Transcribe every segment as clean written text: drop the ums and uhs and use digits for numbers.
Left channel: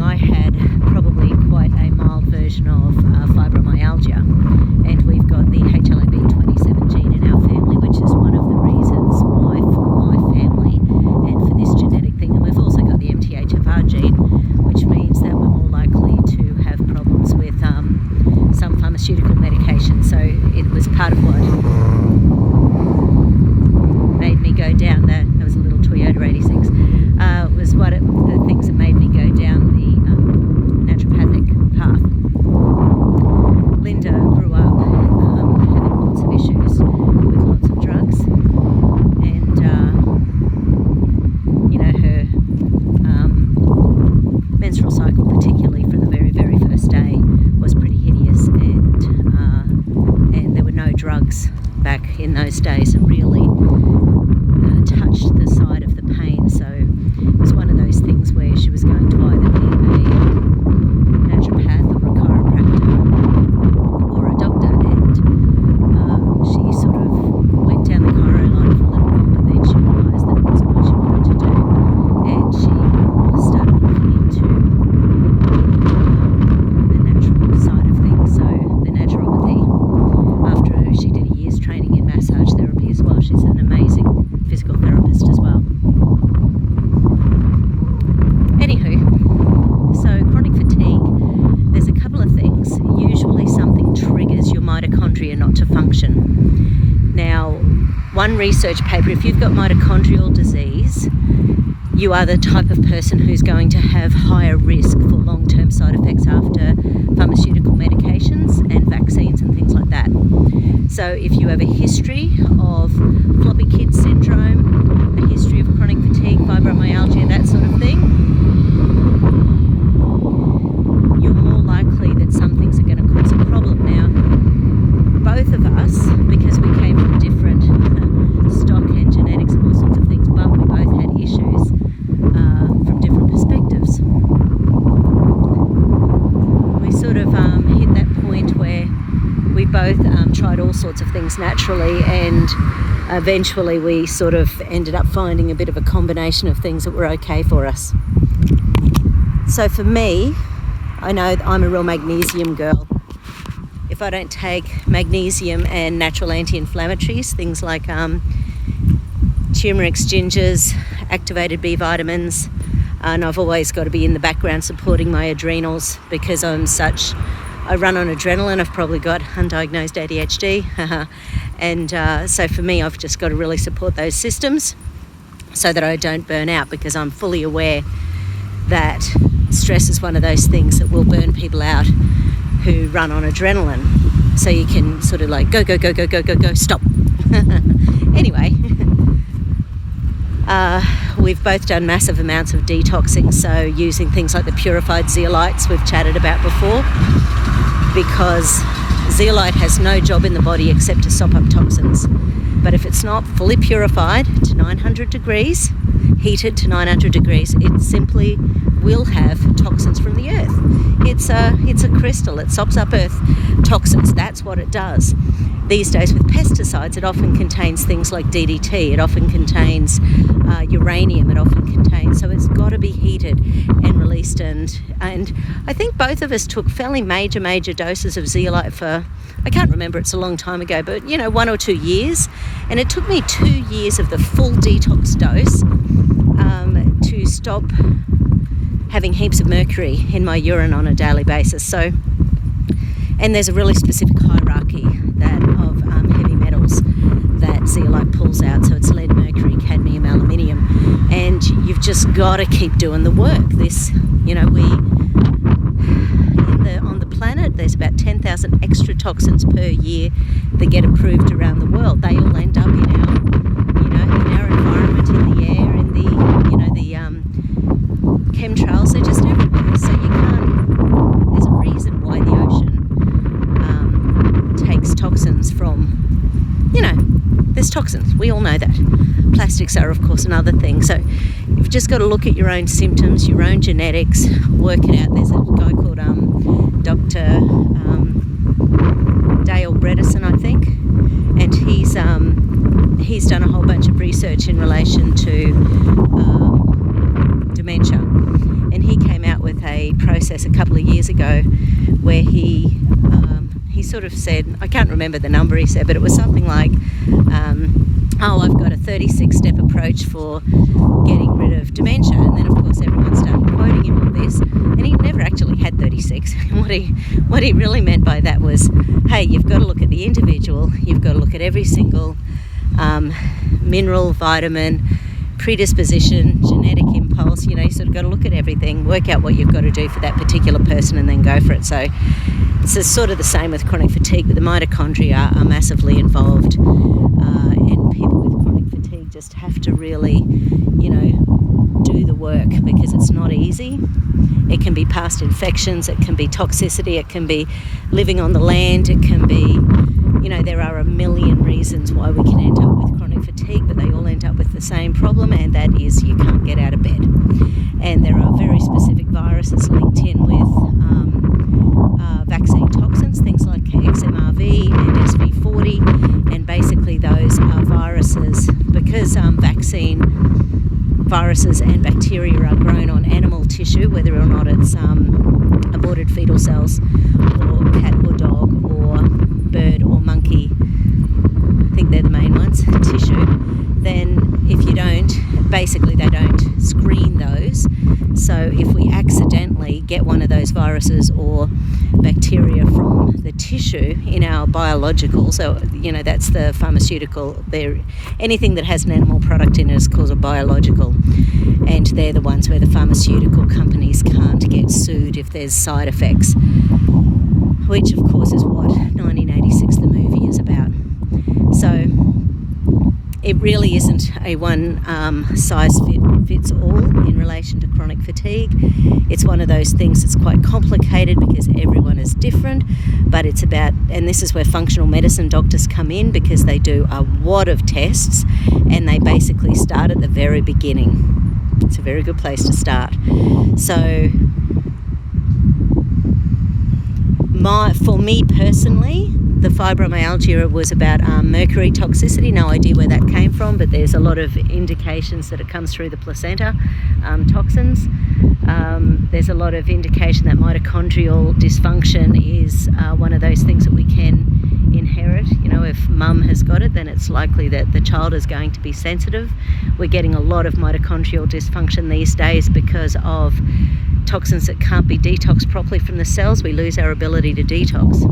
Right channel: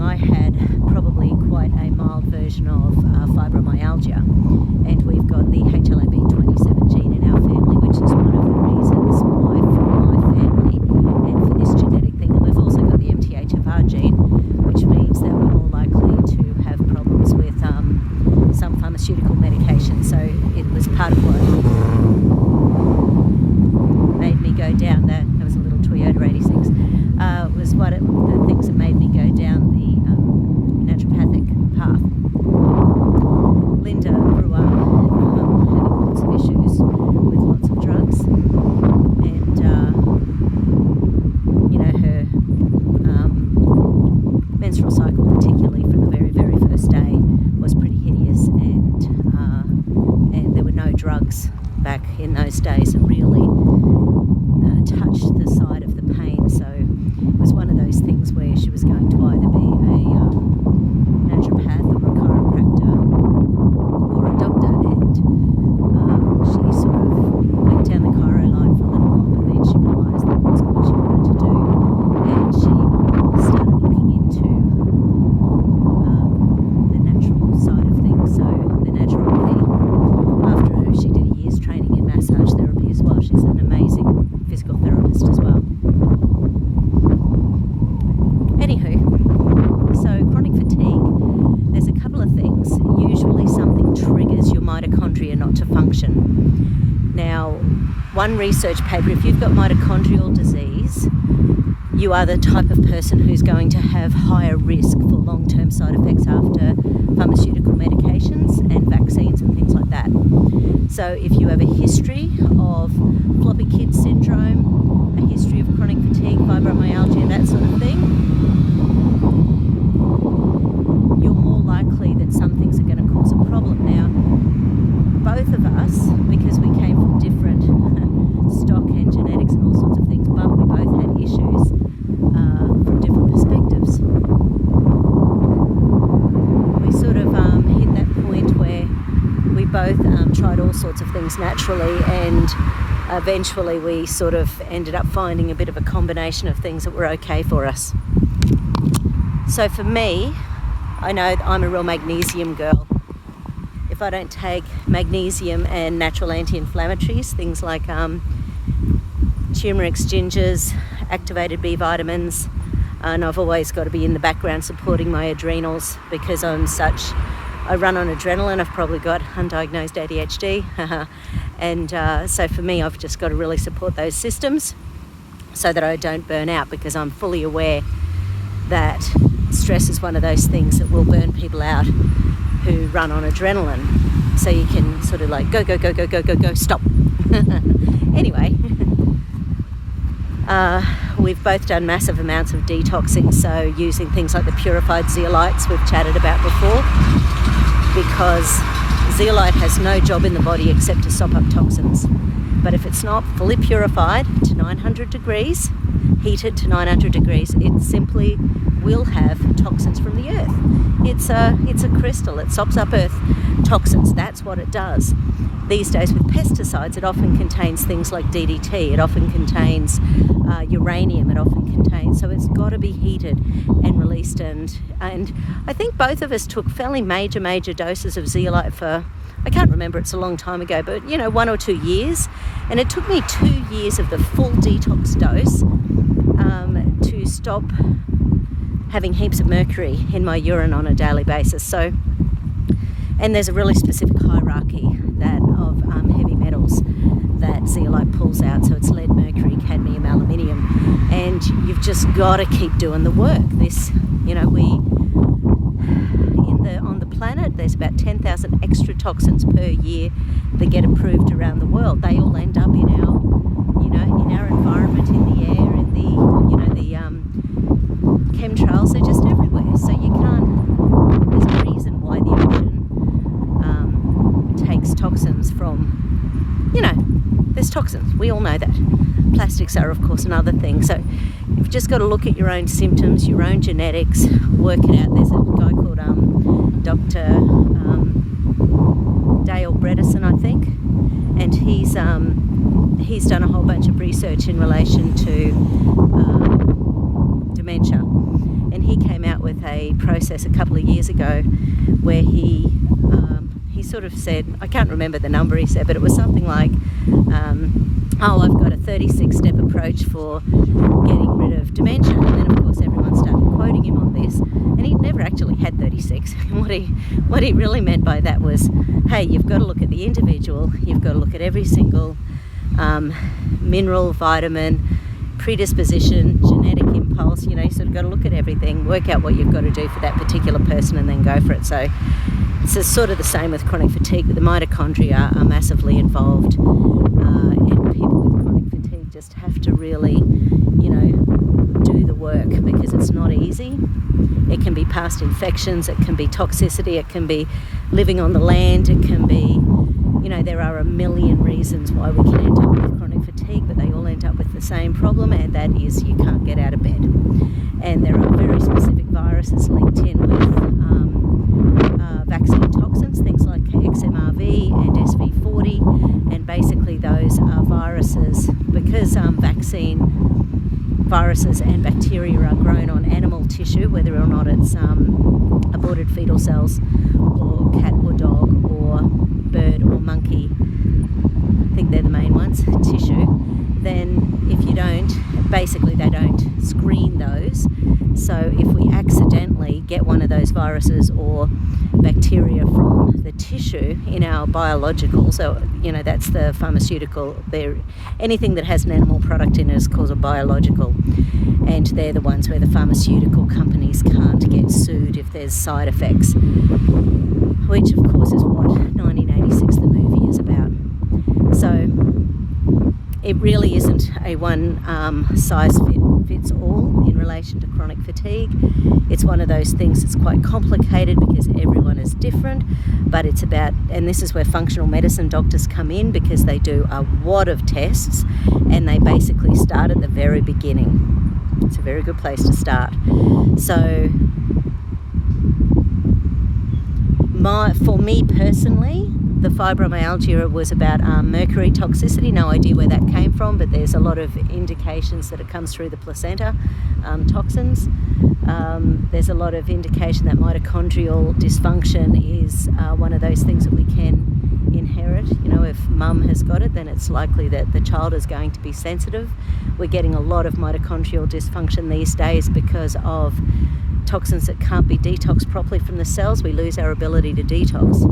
along, I had probably quite a mild version of fibromyalgia, and we've got the HLA-B27 gene in our family, which is one of the reasons why for my family and for this genetic thing. And we've also got the MTHFR gene, which means that we're more likely to have problems with some pharmaceutical medication. So it was part of what made me go down that was a little Toyota 86, was the things that made me go down the naturopathic path. Linda grew up having lots of issues with lots of drugs, and her menstrual cycle, particularly from the very, very first day, was pretty hideous, and there were no drugs back in those days that really touched the side of the pain. So it was one of those things where she was going to either be a naturopath or a chiropractor or a doctor, and she sort of went down the chiro line for a little while, but then she realised that it wasn't what she wanted to do, and she started looking into the natural side of things, so the naturopathy. After she did a year's training in massage therapy as well. She's an amazing physical therapist as well. Anywho, so chronic fatigue, there's a couple of things. Usually something triggers your mitochondria not to function. Now, one research paper, if you've got mitochondrial disease, you are the type of person who's going to have higher risk for long-term side effects after pharmaceutical medications and vaccines and things like that. So if you have a history of floppy kid syndrome, a history of chronic fatigue, fibromyalgia, that sort of thing, you're more likely that some things are going to cause a problem. Now, both of us, because we came from different stock and genetics and all sorts of things, but we both had issues from different perspectives. We sort of hit that point where we both tried all sorts of things naturally, and eventually we sort of ended up finding a bit of a combination of things that were okay for us. So for me, I know I'm a real magnesium girl. If I don't take magnesium and natural anti-inflammatories, things like turmeric, gingers, activated B vitamins, and I've always got to be in the background supporting my adrenals because I run on adrenaline. I've probably got undiagnosed ADHD. And so for me, I've just got to really support those systems so that I don't burn out, because I'm fully aware that stress is one of those things that will burn people out who run on adrenaline. So you can sort of like go, stop. Anyway, we've both done massive amounts of detoxing, so using things like the purified zeolites we've chatted about before, because zeolite has no job in the body except to sop up toxins. But if it's not fully purified to 900 degrees, heated to 900 degrees, it simply will have toxins from the earth. It's a crystal. It sops up earth toxins. That's what it does. These days with pesticides, it often contains things like DDT. It often contains uranium. It often contains, so it's got to be heated and released. And I think both of us took fairly major doses of zeolite for, I can't remember, it's a long time ago, but 1 or 2 years. And it took me 2 years of the full detox dose to stop having heaps of mercury in my urine on a daily basis. So, and there's a really specific hierarchy of heavy metals that zeolite pulls out. So it's lead, mercury, cadmium, aluminium, and you've just got to keep doing the work. On the planet, there's about 10,000 extra toxins per year that get approved around the world. They all end up in our environment, in the air, in the chemtrails. They're just everywhere. So you can't. There's a reason why the ocean takes toxins from. There's toxins. We all know that. Plastics are, of course, another thing. So you've just got to look at your own symptoms, your own genetics, work it out. There's a guy called Dr. Dale Bredesen, I think, and he's done a whole bunch of research in relation to dementia, And he came out with a process a couple of years ago where he sort of said, I can't remember the number he said, but it was something like, I've got a 36-step approach for getting rid of dementia. And then, of course, everyone started quoting him on this. And he never actually had 36. What he really meant by that was, hey, you've got to look at the individual. You've got to look at every single mineral, vitamin, predisposition, genetic impulse. You sort of got to look at everything, work out what you've got to do for that particular person, and then go for it. So it's sort of the same with chronic fatigue, but the mitochondria are massively involved. And people with chronic fatigue just have to really, do the work, because it's not easy. It can be past infections, it can be toxicity, it can be living on the land, it can be, there are a million reasons why we can end up with chronic fatigue, but they all end up with the same problem, and that is you can't get out of bed. And there are very specific viruses linked in with vaccine toxins, things like XMRV and SV40, and basically those are viruses, because vaccine viruses and bacteria are grown on animal tissue, whether or not it's aborted fetal cells or cat or dog or bird or monkey, I think they're the main ones, tissue, then if you don't, basically they don't screen those. So if we accidentally get one of those viruses or bacteria from the tissue in our biological, so that's the pharmaceutical, anything that has an animal product in it is called a biological, and they're the ones where the pharmaceutical companies can't get sued if there's side effects, which of course is what 1986 the movie is about. So it really isn't a one size fits all in relation to chronic fatigue. It's one of those things that's quite complicated because everyone is different, but it's about, and this is where functional medicine doctors come in, because they do a wad of tests and they basically start at the very beginning. It's a very good place to start. So for me personally, the fibromyalgia was about mercury toxicity. No idea where that came from, but there's a lot of indications that it comes through the placenta, toxins. There's a lot of indication that mitochondrial dysfunction is one of those things that we can inherit. If mum has got it, then it's likely that the child is going to be sensitive. We're getting a lot of mitochondrial dysfunction these days because of toxins that can't be detoxed properly from the cells. We lose our ability to detox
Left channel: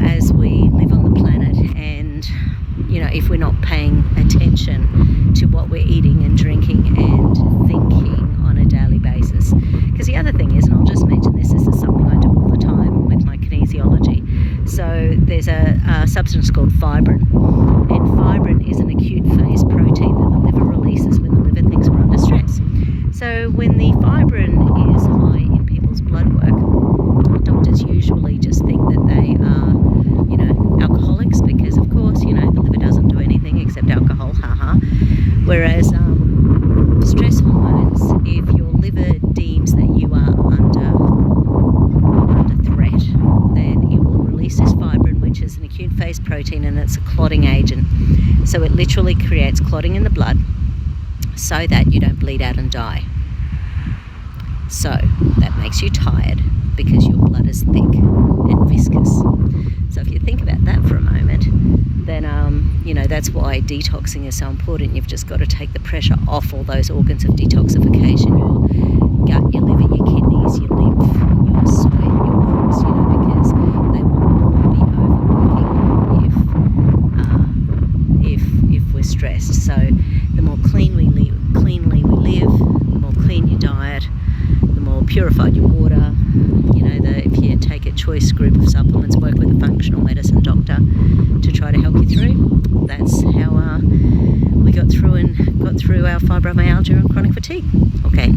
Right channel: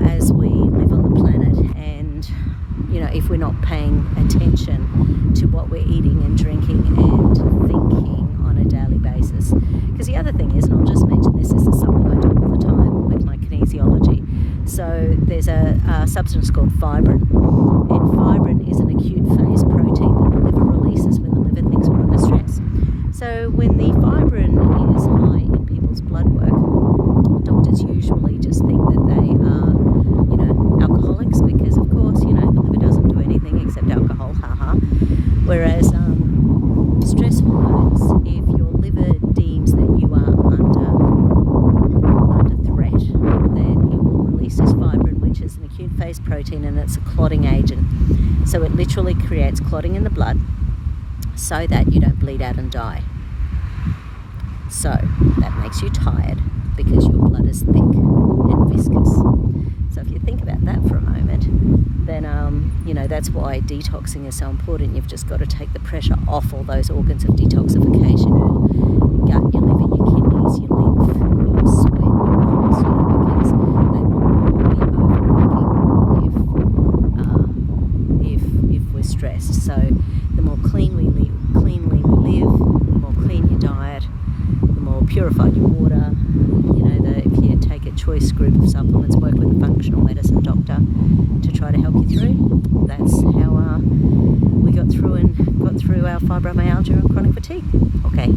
as we live on the planet, and if we're not paying attention to what we're eating and drinking and thinking on a daily basis. Because the other thing is, and I'll just mention this is something I do all the time with my kinesiology, so there's a substance called fibrin, and fibrin is an acute phase protein that the liver releases when the liver thinks we're under stress. So when the fibrin is high in people's blood work, doctors usually just think that they are, alcoholics, because of course, the liver doesn't do anything except alcohol, haha. Whereas stress hormones, if your liver deems that you are under threat, then it will release this fibrin, which is an acute phase protein, and it's a clotting agent. So it literally creates clotting in the blood so that you don't bleed out and die. So that makes you tired because your blood is thick and viscous. So if you think about that for a moment, then that's why detoxing is so important. You've just got to take the pressure off all those organs of detoxification: your gut, your liver, your kidneys, your lymph, your sweat, your lungs, because they will all be overworking if we're stressed. So the more cleanly we live, the more clean your diet, the more purified your water. If you take a choice group of supplements, work with a functional medicine doctor to try to help you through. That's how we got through our fibromyalgia and chronic fatigue. Okay.